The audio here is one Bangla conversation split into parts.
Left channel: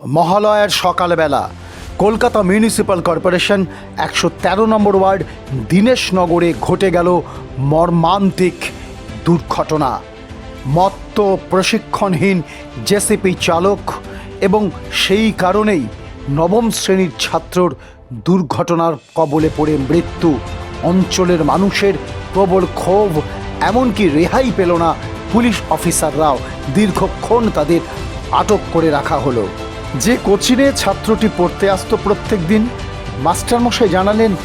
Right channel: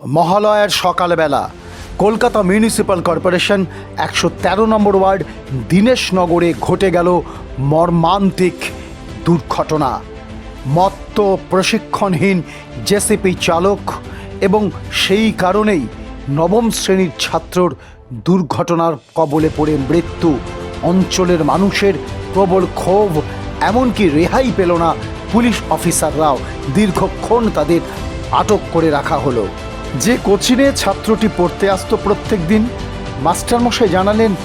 মহালয়ার সকালবেলা কলকাতা মিউনিসিপ্যাল কর্পোরেশন একশো তেরো নম্বর ওয়ার্ড দীনেশনগরে ঘটে গেল মর্মান্তিক দুর্ঘটনা। মত্ত প্রশিক্ষণহীন জেসিপি চালক এবং সেই কারণেই নবম শ্রেণির ছাত্রর দুর্ঘটনার কবলে পড়ে মৃত্যু। অঞ্চলের মানুষের প্রবল ক্ষোভ, এমনকি রেহাই পেল না পুলিশ অফিসাররাও। দীর্ঘক্ষণ তাদের আটক করে রাখা হলো। যে কোচিনে ছাত্রটি পড়তে আসতো প্রত্যেক দিন, মাস্টারমশাই জানালেন,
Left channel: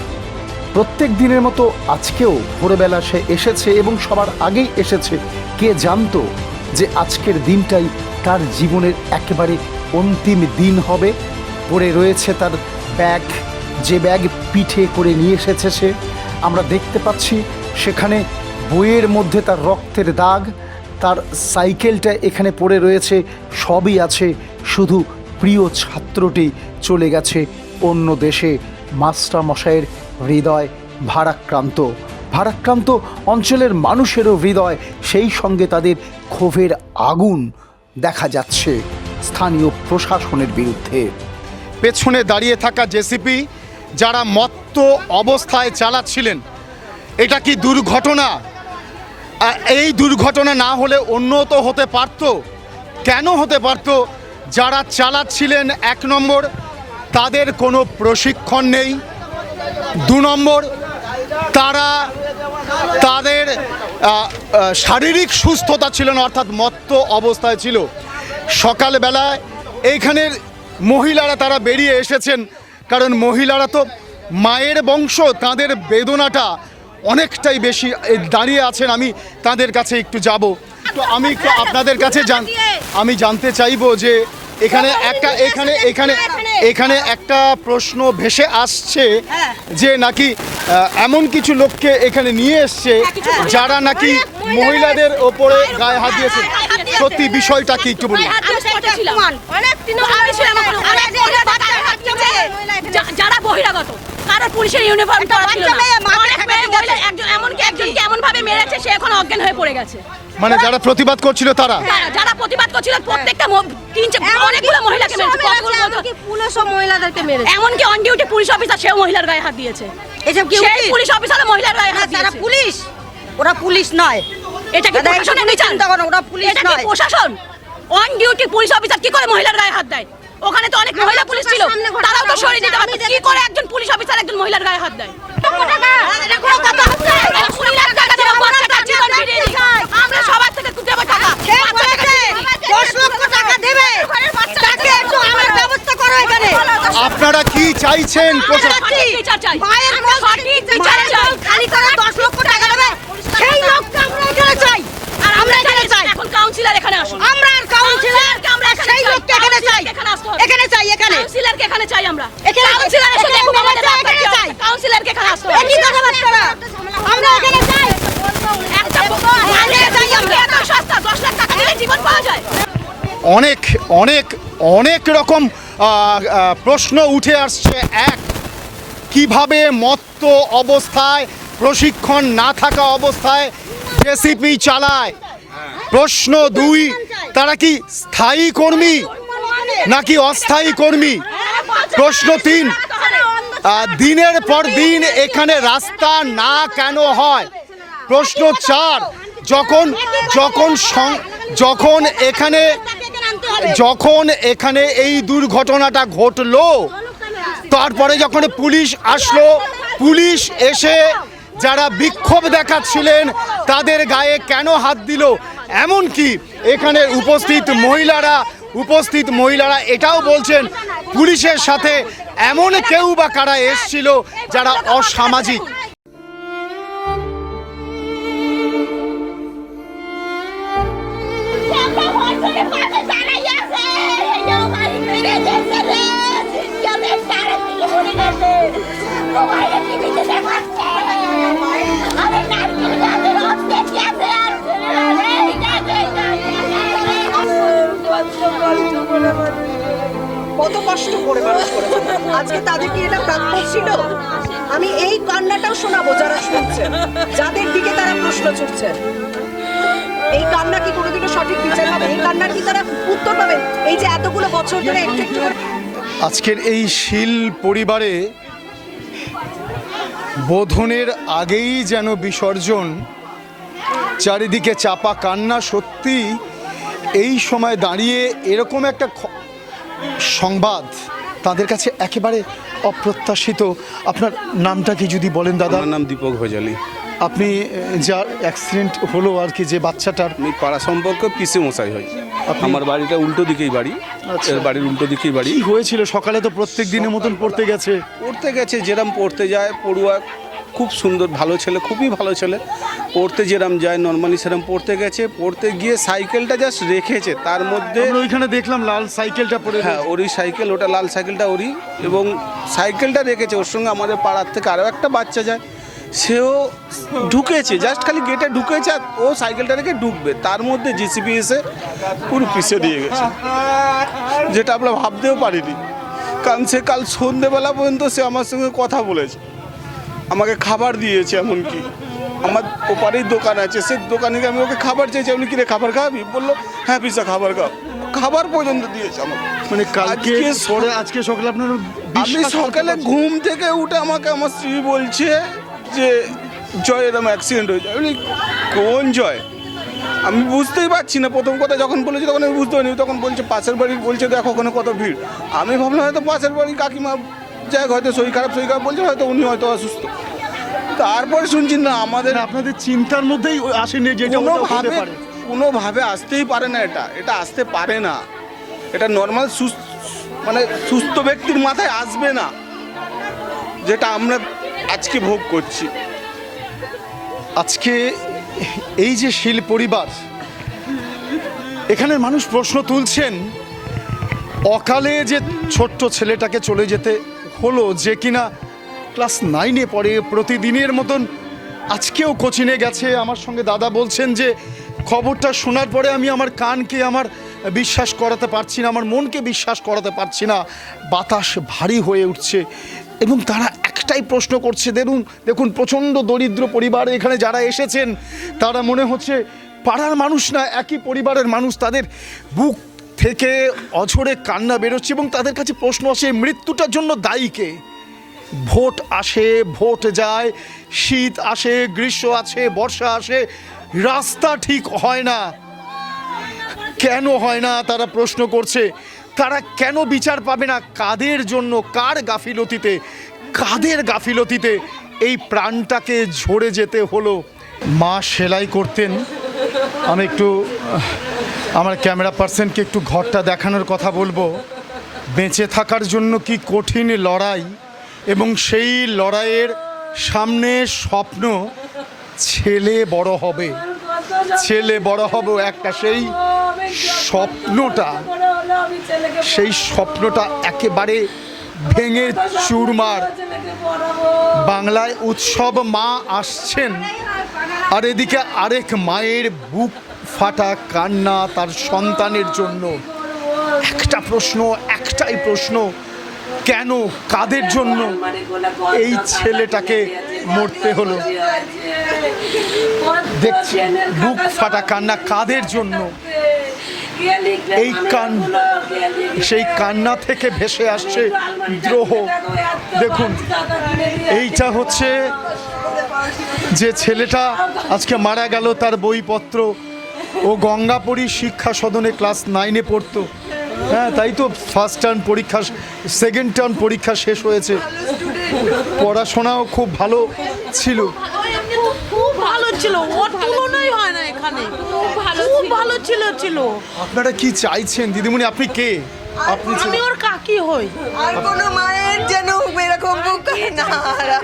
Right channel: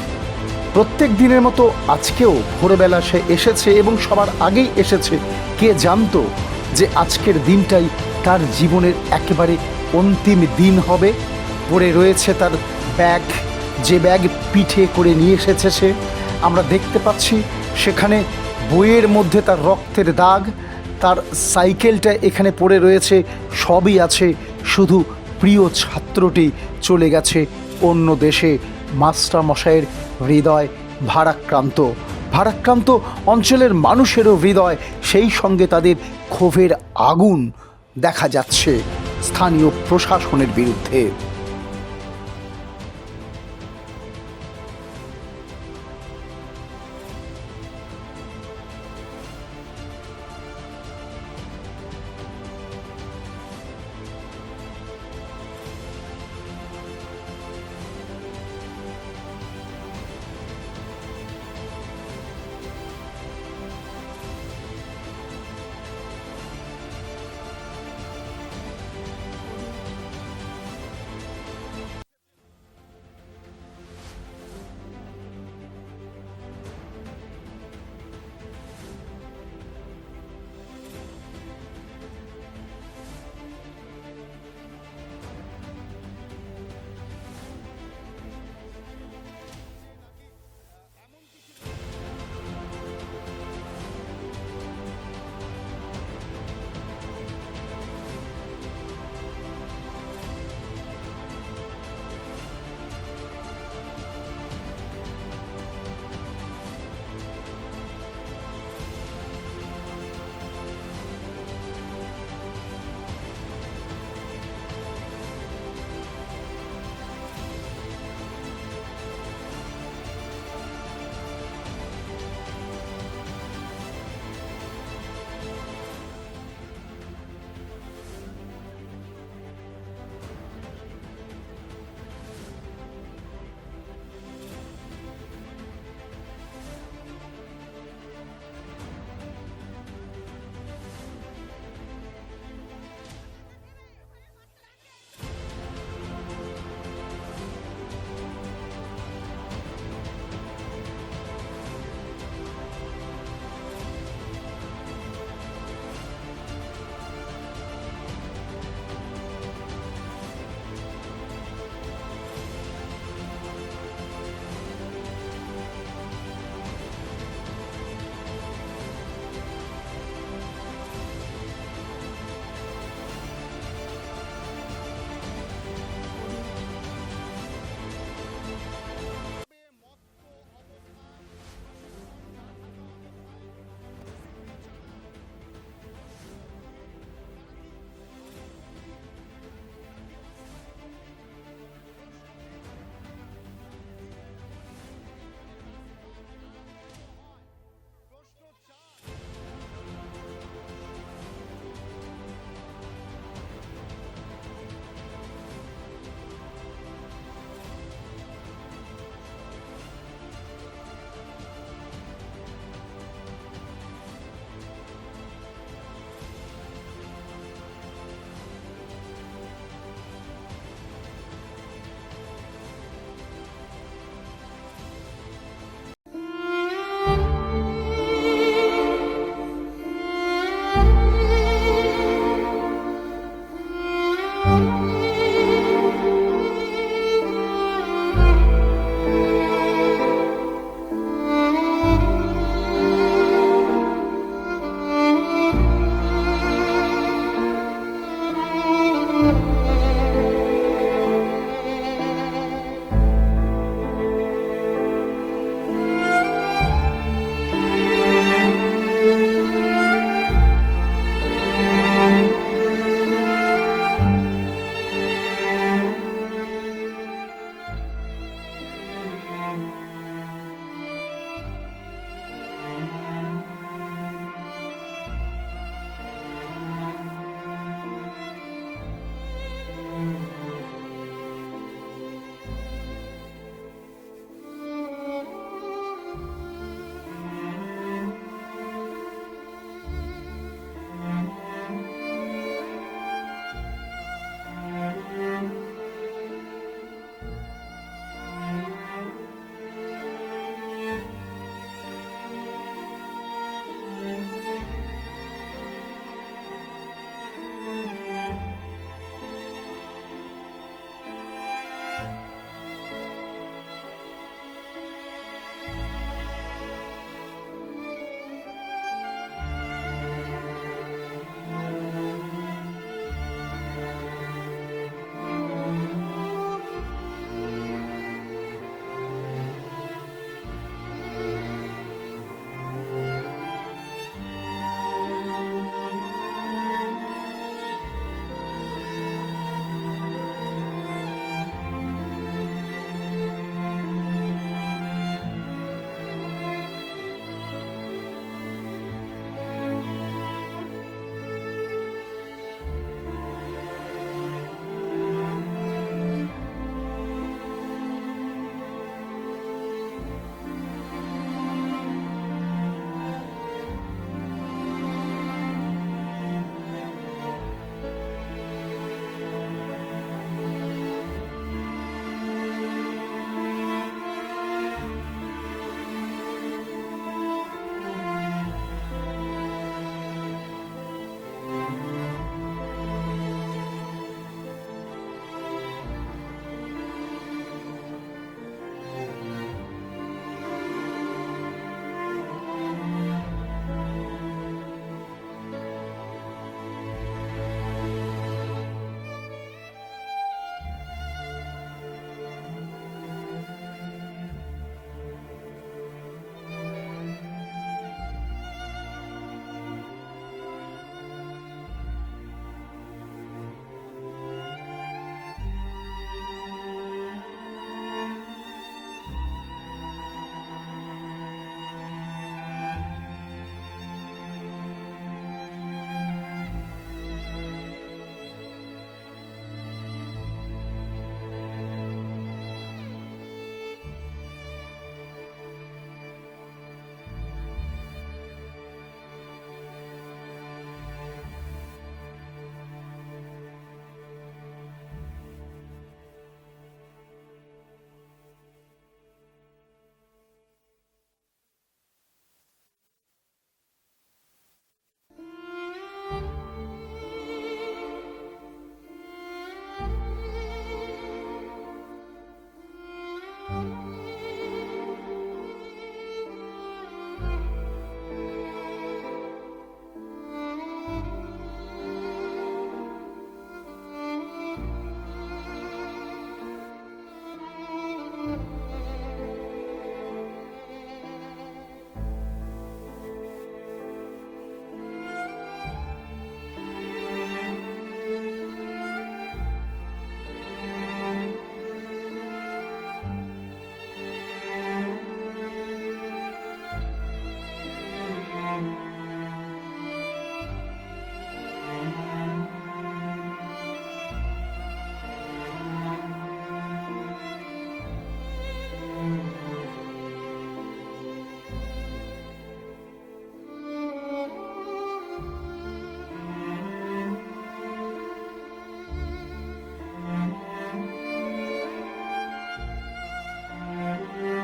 প্রত্যেক দিনের মতো আজকেও ভোরবেলা সে এসেছে এবং সবার আগেই এসেছে। কে জানতো যে আজকের দিনটাই তার জীবনের একেবারে অন্তিম দিন হবে? পড়ে রয়েছে তার ব্যাগ। যে ব্যাগ পিঠে করে নিয়ে এসেছে সে। আমরা দেখতে পাচ্ছি সেখানে বইয়ের মধ্যে তার রক্তের দাগ। তার সাইকেলটা এখানে পড়ে রয়েছে। সবই আছে শুধু প্রিয় ছাত্রটি চলে গেছে অন্য দেশে। মাস্টার মশাইয়ের হৃদয় ভারাক্রান্ত। ভারাক্রান্ত অঞ্চলের মানুষেরও হৃদয় সেই সঙ্গে তাদের ক্ষোভের আগুন দেখা যাচ্ছে স্থানীয় প্রশাসনের বিরুদ্ধে। পেছনে দাঁড়িয়ে থাকা জেসিপি যারা মত্ত অবস্থায় চালাচ্ছিলেন, এটা কি দুর্ঘটনা? এই দুর্ঘটনা না হলে অন্য তো হতে পারত? কেন হতে পারত? যারা চালাচ্ছিলেন এক নম্বর, তাদের কোনো প্রশিক্ষণ নেই। দু নম্বর, তারা তাদের শারীরিক সুস্থতা ছিল না, অর্থাৎ মত্ত অবস্থায় ছিল। সকালবেলায় এইখানের মহিলারা তারা বেরিয়ে এসেছেন, কারণ মহিলারা তো মায়ের বংশ, তাদের বেদনাটা অনেকটাই বেশি দাঁড়িয়ে আছেন। আমি তাদের কাছে একটু যাব। তো আমি আপনাদের কাছে জান আমি জানতে চাইব যে এখানে একটা এখানে এখানে এখানে একটা প্রশ্ন ভেসে আসছে যে নাকি এমন কিছু লোককে এখানে নিয়ে এসছে যারা নাকি মহিলাদের ওপরে গায়ে হাত দিয়েছে। সত্যি বিষয়টা কি একটু বলুন। যারা বহিরাগত কারও পুলিশের ইউনিফর্ম এমনকি একজনকে এমন ভাবে মেরেছে সে এখন অজ্ঞান হয়ে পড়ে গেছে। মানে যারা প্রতিবাদ করছিল তারা? যারা- যারা প্রতিবাদ করছিল প্রত্যেকটা ম- তিন অনেকগুলো মহিলাকে মেরেছে কতগুলো বলতো? পুলিশও মহিলাদেরকে মেরেছে। এমনকি অন ডিউটি পুলিশ অফিসার সেও মহিলার গায়ে হাত দিয়েছে। এসব কি? পুলিশ অফিসারও মহিলার গায়ে হাত তারা পুলিশ ওরা পুলিশ নয়। এটা কি দাদা, প্রশাসনের বিচার? চিন্তা করো, ওরা পুলিশ নয় এটা কি প্রশাসন? অন ডিউটি পুলিশ অফিসার কি করে মহিলার গায়ে হাত দেয়? ওখানে তো অনেক মহিলা পুলিশ ছিল। তারাও তো সরিয়ে দিতে পারতো। কি করে একজন পুলিশ অফিসার একজন মহিলার গায়ে হাত দেয় হ্যাঁ, কুড়ি লাখ টাকা দেবো, বাচ্চাটা জীবন ফিরিয়ে দিই। আমরা সবার থেকে দেবো টাকা কে বাচ্চাটাকে বলেছে? ফিরিয়ে দিই। দশ লক্ষ টাকা দেবে তাকে একটু আমার ব্যবস্থা করো এখানে আপনারা কি চাইছেন প্রশাসন আমরা সঠিক বিচার চাই। মায়ের আমরা মুখ সঠিক বিচার মায়ের চাই। মুখ খালি করে দশ লক্ষ টাকা দেবে সেই লোককে আমরা এখানে চাই। আর আমরা এখানে চাই। এখন কাউন্সিলর এখানে আসুন। আমরা আর কাউন্সিলর আমরা এখানে সেই লোককে এখানে চাই। এখানে আসতে এখানে চাই এখানে। কাউন্সিলরকে এখানে চাই আমরা। এখানে- কাউন্সিলর এসে এখানে আমাদের কি এখানে চাই। কাউন্সিলরকে এখানে আমরা এখানে চাই। একটা আগে চাই আমরা। এত সস্তা দশ লাখ টাকা দিলে জীবন পাওয়া যায়। অনেক অনেক অনেক রকম প্রশ্ন উঠে আসছে এক, কীভাবে মত্ত অবস্থায়, প্রশিক্ষণ না থাকা অবস্থায় জেসিপি চালায়? প্রশ্ন দুই, তারা কি স্থায়ী কর্মী নাকি অস্থায়ী কর্মী? প্রশ্ন তিন দিনের পর দিন এখানে রাস্তা না কেন হয়? প্রশ্ন চার, যখন যখন যখন এখানে যখন এখানে এই দুর্ঘটনাটা ঘটলো, তারপরে যখন পুলিশ আসলো, পুলিশ এসে যারা বিক্ষোভ দেখাচ্ছিলেন, তাদের গায়ে কেন হাত দিল? এমনকি এখানে উপস্থিত মহিলারা উপস্থিত মহিলারা এটাও বলছেন, পুলিশের সাথে এমন কেউ বা কারা এসছিল যারা অসামাজিক? যাদের দিকে তারা প্রশ্ন এই কান্না কি কোনোদিনও সঠিক বিচার হবে এই কান্নার কি তারা উত্তর পাবে? এই যে এতগুলো বছর ধরে আজকের এই শিল পরিবারে বোধনের আগেই যেন বিসর্জন, চারিদিকে চাপা কান্না সত্যি এই সময় দাঁড়িয়ে এরকম একটা সংবাদ তাদের কাছে একেবারে অপ্রত্যাশিত। আপনার নামটা কি যদি বলেন দাদা? আমার নাম দীপক ভোজালি। আপনি যার অ্যাক্সিডেন্ট হলো আর কি যে বাচ্চাটার আমি পাড়া সম্পর্ক পিসে মশাই হয় আমার বাড়িটা উল্টো দিকেই বাড়ি। আচ্ছা। এর বাড়ির উল্টো দিকেই বাড়ি। হয়েছিল? সকালে তো প্রত্যেক দিনের মতন পড়তে গেছে। পড়তে গেছে যেরম পড়তে যায় পড়ুয়া খুব সুন্দর ভালো ছেলে খুবই ভালো ছেলে। পড়তে যেরম যায় নর্মালি সেরম পড়তে গেছে। পড়তে গিয়ে সাইকেলটা জাস্ট রেখেছে। তার মধ্যে ওইখানে দেখলাম লাল সাইকেলটা পড়ে হ্যাঁ ওরই সাইকেল ওটা লাল সাইকেলটা ওরই। এবং সাইকেলটা রেখেছে ওর সঙ্গে আমাদের পাড়ার থেকে আরও একটা বাচ্চা যায়। সেও ঢুকেছে জাস্ট খালি গেটে ঢুকেছে আর ও সাইকেলটা রেখে ঢুকবে। তার মধ্যে জিসিবি এসে পুরো পিছিয়ে দিয়ে গেছে। যেটা আমরা ভাবতেও পারিনি। কারণ সে কাল সন্ধেবেলা পর্যন্ত সে আমার সঙ্গে কথা বলেছে। আমাকে খাবার দিয়েছে এমনকি। আমার ওপারেই দোকান আছে সে দোকানে গিয়ে আমি ওকে খাবার চেয়েছি। আপনি কিনে খাবার খাওয়াবি বলল হ্যাঁ পিসা খাবার খাও খাবার পর্যন্ত দিয়েছে আমাকে। মানে কালকে সরে আজকে সকালে আপনার আমি সকালে ঘুম থেকে উঠে আমাকে আমার স্ত্রী বলছে যে জয় এরকম অ্যাক্সিডেন্ট হয়েছে। আমি কোন জয়? আমি বুঝতেই পারছি না। প্রথম কথা যখন বলেছি তখন আমি বুঝতে পারিনি। তখন বলছে পাশের বাড়ির বলছে দেখো ওখানে কত ভিড়। আমি ভাবলাম হয়তো পাশের বাড়ি কাকিমা যাই হয়তো শরীর খারাপ শরীর খারাপ বলছে হয়তো উনি হয়তো অসুস্থ। তারপরে শুনছি না আমাদের মানে আপনাদের চিন্তার মধ্যেই আসেনি যে কোনোভাবে কোনোভাবে আসতেই পারে না এটা এটা আসতে পারে না। এটা নর্মাল সুস্থ মানে সুস্থ ব্যক্তির মাথায় আসবে না যেটা আমরা আজকে ভোগ করছি। আজকে এই যে শিল পরিবার এখানে মানুষ প্রশ্ন তুলছেন অকালে যে ছোট্ট ছেলেটাকে চলে যেতে হলো যে কিনা ক্লাস নাইনে পড়ে প্রতিদিনের মতন। আজকেও কোচিনে গেছে। আমার সঙ্গে দাদা বলছেন যে, খবরটা শোনার পরে আমি আমার কানকে আমার বিশ্বাস করাতে পারছি না, আমার মনকে বিশ্বাস করাতে পারছি না। বাতাস ভারী হয়ে উঠছে এবং তারা একটাই প্রশ্ন করছে, দেখুন দেখুন, প্রচণ্ড দরিদ্র পরিবার এখানে যারা এসেছেন, তারা মনে হচ্ছে পাড়ার মানুষ না, একই পরিবারের মানুষ, তাদের বুক থেকে অঝরে কান্না বেরোচ্ছে এবং তাদের কাছে প্রশ্ন আসে, মৃত্যুটার জন্য দায়ী কে? ভোট আসে, ভোট যায়, শীত আসে, গ্রীষ্ম আসে, বর্ষা আসে, রাস্তা ঠিক হয় না। কেন হয় না? তারা প্রশ্ন করছে, তারা কেন বিচার পাবে না? কাদের জন্য? কার গাফিলতিতে? কাদের গাফিলতিতে? এই প্রাণটাকে ঝরে যেতে হলো। মা সেলাই করতেন। আমি একটু আমার ক্যামেরা পার্সনকে একটু ঘরটা দেখানোর কথা বলব। বেঁচে থাকার জন্য কি কঠিন লড়াই এবং সেই লড়াইয়ের সামনে স্বপ্ন ছেলে বড় হবে। ছেলে বড় হবে একটা সেই স্বপ্নটা সেই স্বপ্নটা একেবারে ভেঙে চুরমার। বাংলায় উৎসব মা আসছেন, আর এদিকে আরেক মায়ের বুক ফাটা কান্না তার সন্তানের জন্য। একটা প্রশ্ন, একটাই প্রশ্ন, কেন, কাদের জন্য এই ছেলেটাকে মরতে হলো? দেখছি, বুক ফাটা কান্না কাদের জন্য? এই কান, সেই কান্না থেকে ভেসে আসছে দ্রোহ। দেখুন, এইটা হচ্ছে যে ছেলেটা আজকে মারা গেল তার বইপত্র। ও গঙ্গাপুরী শিক্ষা সদনে ক্লাস নাইনে পড়তো। হ্যাঁ তাই তো ফার্স্ট টার্ম পরীক্ষা সেকেন্ড টার্ম পরীক্ষা শেষ হয়েছে। পড়াশোনাও খুব ভালো ছিল। খুব ভালো ছিল ওর তুলনাই হয় না এখানে। খুব ভালো ছিল ছিল। আপনারা কি চাইছেন? দিদিমণি আপনি কে? আপনি আমি ওর কাকি হই। আর কোনো মায়ের যেন এরকম বুক না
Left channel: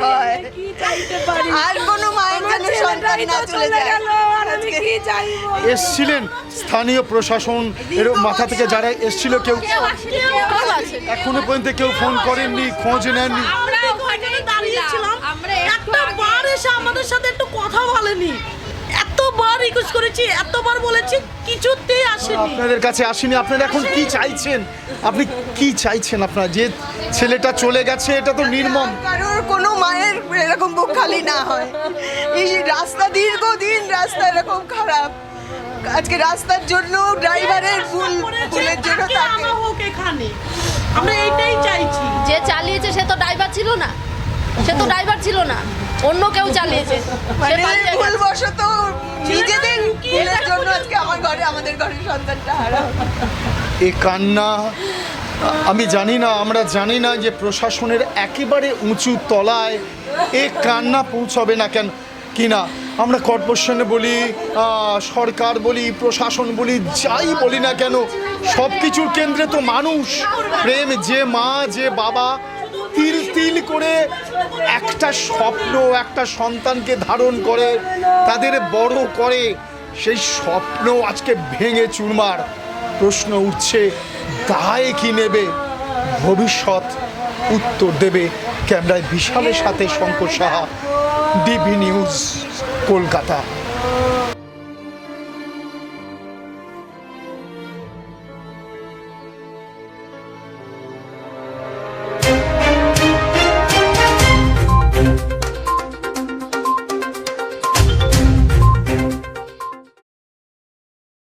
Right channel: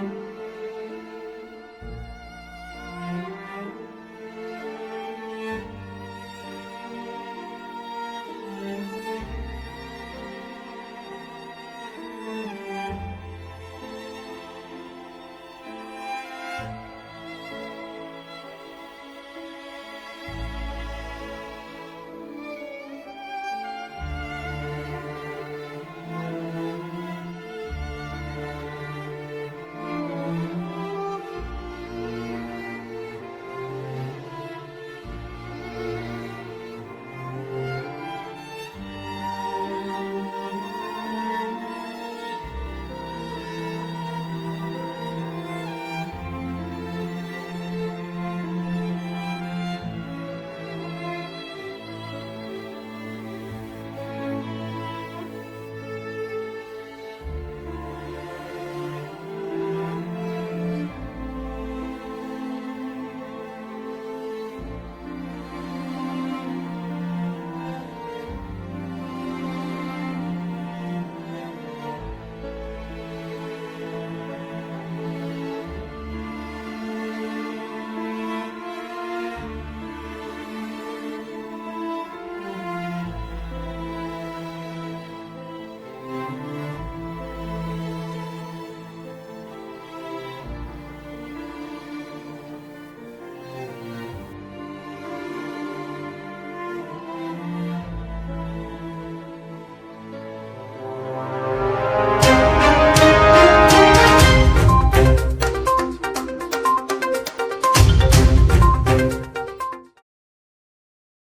হয়। আর কোনো মায়ের যেন সন্তান না চলে যায়। এসছিলেন স্থানীয় প্রশাসন এর মাথা থেকে যারা এসছিল কেউ? এখনও পর্যন্ত কেউ ফোন করেননি খোঁজ নেননি? আমরা এসে আমাদের সাথে একটু কথা বলেনি। রিকোয়েস্ট করেছি এতবার বলেছি কিছুতেই আসেনি। আপনাদের কাছে আসেনি আপনারা এখন কি চাইছেন? আপনি কি চাইছেন আপনারা? যে ছেলেটা চলে গেছে এটা তো নির্মম। কারোর কোনো মায়ের এরকম বুক খালি না হয়। এই রাস্তা দীর্ঘদিন রাস্তা এরকম খারাপ। আজকে রাস্তার জন্য ড্রাইভারের ভুল ভুলের জন্য তাকে আমার হোক এখানে। আমরা এইটাই চাই ছিল না। সে তো ড্রাইভার ছিল না। অন্য কেউ চালিয়েছে। সে মানে। ভুলবশত নিজেদের ভুলের জন্য আজকে আমার ঘরে, আমাদের ঘরের সন্তানটা হারা এ কান্না, আমি জানি না, আমরা জানি না যে প্রশাসনের একেবারে উঁচু তলায় এ কান্না পৌঁছবে না কেন কিনা আমরা কর্পোরেশনে বলি সরকার বলি, প্রশাসন বলি, যাই বলি না কেন সব কিছুর কেন্দ্রে তো মানুষ। প্রেম যে মা, যে বাবা তিল তিল করে একটা স্বপ্ন, একটা সন্তানকে ধারণ করে, তাদের বড় করে। সেই স্বপ্ন আজকে ভেঙে চুরমার। প্রশ্ন উঠছে, দায় কি নেবে? ভবিষ্যৎ উত্তর দেবে ক্যামেরায় বিশালের সাথে শঙ্কর সাহা, ডিবি নিউজ, কলকাতা।